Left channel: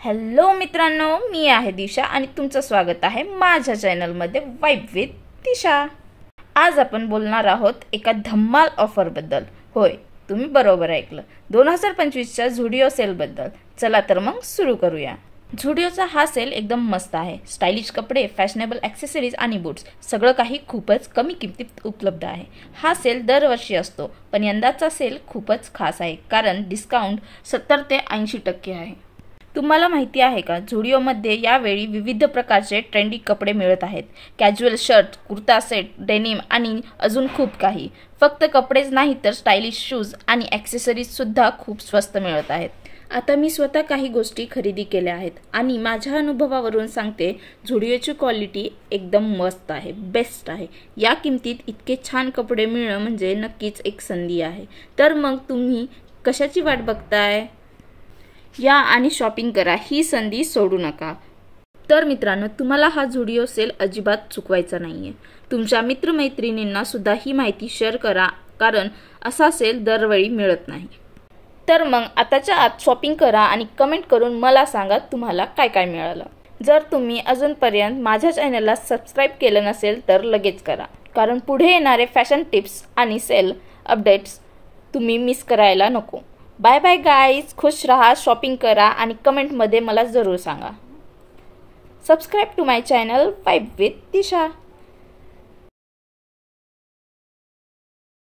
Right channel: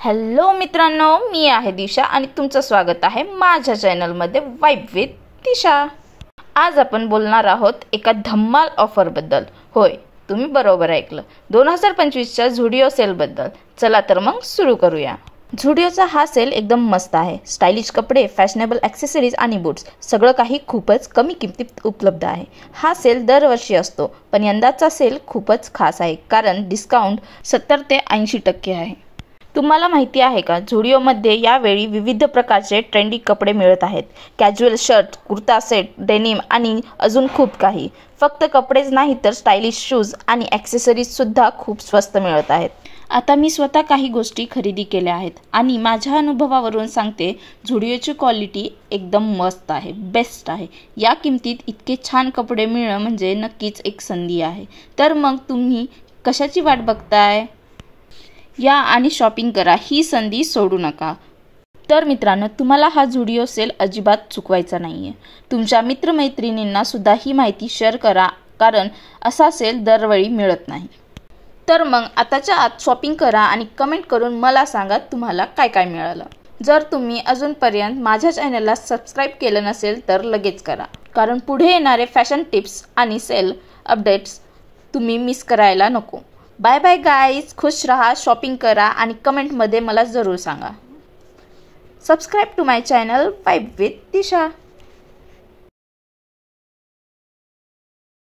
Hello मित्रांनो, मी आहे दिशा आणि तुमचं स्वागत आहे माझ्या चॅनलमध्ये वाइब विथ दिशा। आज आपण बोलणार आहोत एका धम्माल ऑफरबद्दल। होय, तुम्ही बरोबर ऐकलं, 2025च्या झुडिओ सेलबद्दल। चला तर मग सुरू करूया। झुडिओचा हा सेल एकदम मस्त आहे। स्टाइलिश कपडे, फॅशनेबल ॲक्सेसरीज आणि बूट्स सगळं काही खूपच कमी किमतीत उपलब्ध आहे। हा सेल दरवर्षी असतो, पण यंदाचा सेल खूपच खास आहे कारण डिस्काउंट 70 ते 80% आहे। तुम्हाला माहिती आहे का, झुडिओमध्ये यावेळी विविध प्रकारचे ट्रेंडी कपडे मिळत आहेत। Casual shirt, kurta set, denim आणि अजून खूप काही। फक्त कपडेच नाही तर स्टाइलिश शूज आणि ॲक्सेसरीज सुद्धा खूप स्वस्त मिळत आहेत। आता मी स्वतः काही गोष्टी खरेदी केल्या आहेत आणि माझ्या अनुभवावरून सांगते, झुडिओची क्वालिटी एकदम मस्त आहे, बेस्ट आहे। या किमतीत इतके छान कपडे मिळणं म्हणजे नक्कीच एक संधी आहे। तर मग तुम्ही कशाची वाट बघताय? या आणि शॉपिंग करा, ही संधी सोडू नका। तर मित्रांनो, तुम्हाला हा झुडिओ सेल अजिबात चुकवायचा नाहीये। तुमच्या मित्रमैत्रिणींना सुद्धा ही माहिती शेअर करा, कारण असा सेल दरवेळी मिळत नाही। तर मग आताच्या आत शॉपिंग करा आणि कमेंट करून मला सांगा तुम्हाला काय काय मिळालं। जर तुम्ही अजूनपर्यंत माझ्या चॅनलला सबस्क्राईब केलं नसेल तर लगेच करा, कारण पुढे येणारे फॅशन टिप्स आणि सेल अपडेट्स तुम्ही मिस करायला नको। बाय बाय गाईज, खुश रहा, शॉपिंग करा आणि कमेंटमध्ये मला जरूर सांगा। Subscribe to my channel vibe with Disha.